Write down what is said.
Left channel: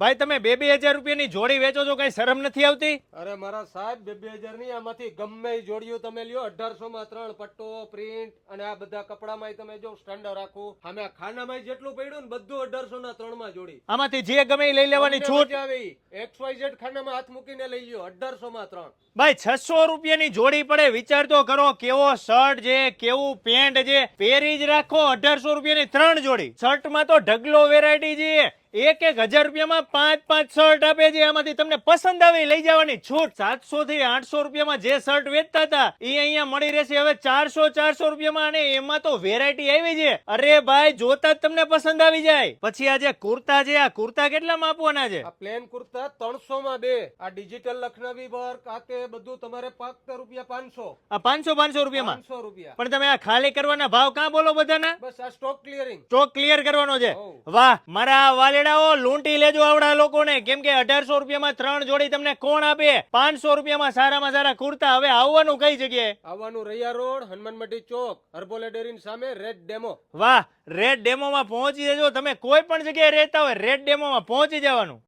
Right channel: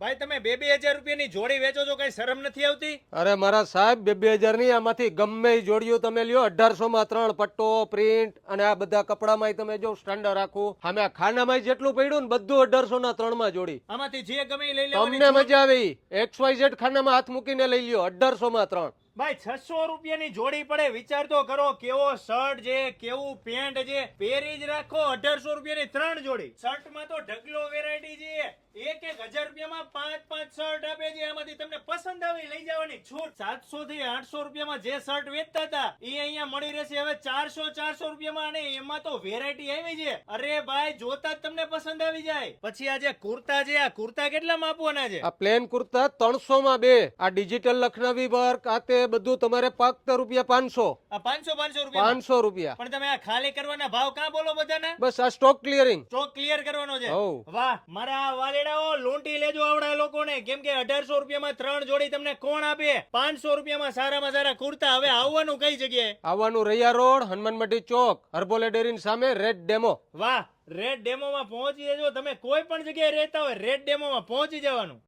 ભાઈ તમે 2,000 રૂપિયાની જોડી વેચો છો, કઈ શરમ નથી આવતી? અરે મારા સાહેબ 2,000 ની આમાંથી ગમે ઈ જોડીઓ તમે લ્યો 1800 માં 3 પટ્ટો પ્રિન્ટ અને આ બધા કપડામાં તમે જો સ્ટાન્ડર્ડ રાખું અમે આ ખાનામાં જેટલું પડ્યું ને બધું 1800 ના 3 માં જોડી. આમાંથી જે ગમે એ લઈ લેવાની તમને છૂટ. મજા આવી. XYZ ખાનામાં હાથ મૂકીને લઈ લ્યો 1800 માં 3. ભાઈ 600 રૂપિયાની જોડી પડે, વિચાર તો કરો. કેવો શર્ટ છે, કેવું પેન્ટ છે, પહેરી જ રાખો. 1800 રૂપિયાની 3 જોડી. શર્ટમાં તો ઢગલો વેરાયટી છે. 1,000 રૂપિયામાં 5 શર્ટ આપે છે. આમાંથી તમને પસંદ આવે લઈ જવાની છૂટ. 700 થી 800 રૂપિયામાં જે શર્ટ વેચતા હતા એ અહીંયા મળી રહેશે હવે 400 રૂપિયામાં. અને એમાં તો વેરાયટી આવી છે. અરે ભાઈ જોતા જ તમને પસંદ આવી જાય. પછી આ જે કુર્તા છે, આ કુર્તા કેટલામાં આપવાના છે? આ પ્લેન કુર્તા 300 માં 2. આ ડિજિટલ લખનવી વર્ક આ તે બધું તમારે ફક્ત રૂપિયા 500. આ 500 રૂપિયા 500 રૂપિયા. પણ તમે આ ખાલી કરવાના ભાવ કાં બોલો બધાના? બસ આ સ્ટોક ક્લિયરિંગ. સ્ટોક ક્લિયર કરવાનો છે. હોવ. વાહ મારા વાલેડાઓ, લૂંટી લેજો આવડા લોકોને. કેમ કે 1800 રૂપિયામાં 3 જોડી તમને કોણ આપે? 500 રૂપિયામાં સારામાં સારા કુર્તા. હવે આવવાનું કઈ જગ્યાએ? આવવાનું રૈયા રોડ, હનુમાન મંડી ચોક, હર્બોલે ડેરીની સામે, રેડ ડેમો. વાહ, રેડ ડેમોમાં પહોંચી જજો. તમે કોઈ પણ જગ્યાએ રહેતા હોય રેડ ડેમોમાં પહોંચી જવાનું.